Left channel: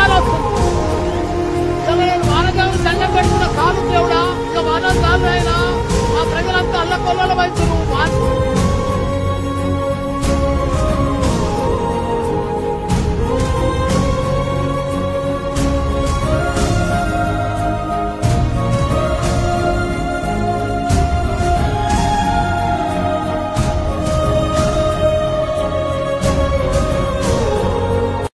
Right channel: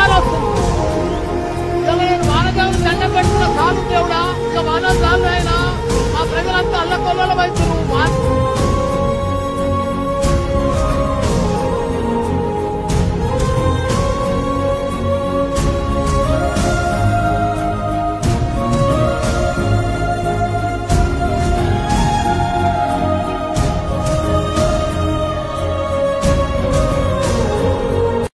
గాలి వస్తుంది. ఇలా నేను వానదేవుని దండం పెట్టుకున్న కాలు దేవుడా, ఇక వాన చాలు అయినా మా ప్రజలంతా అల్లకొల్లలు వైద్యులు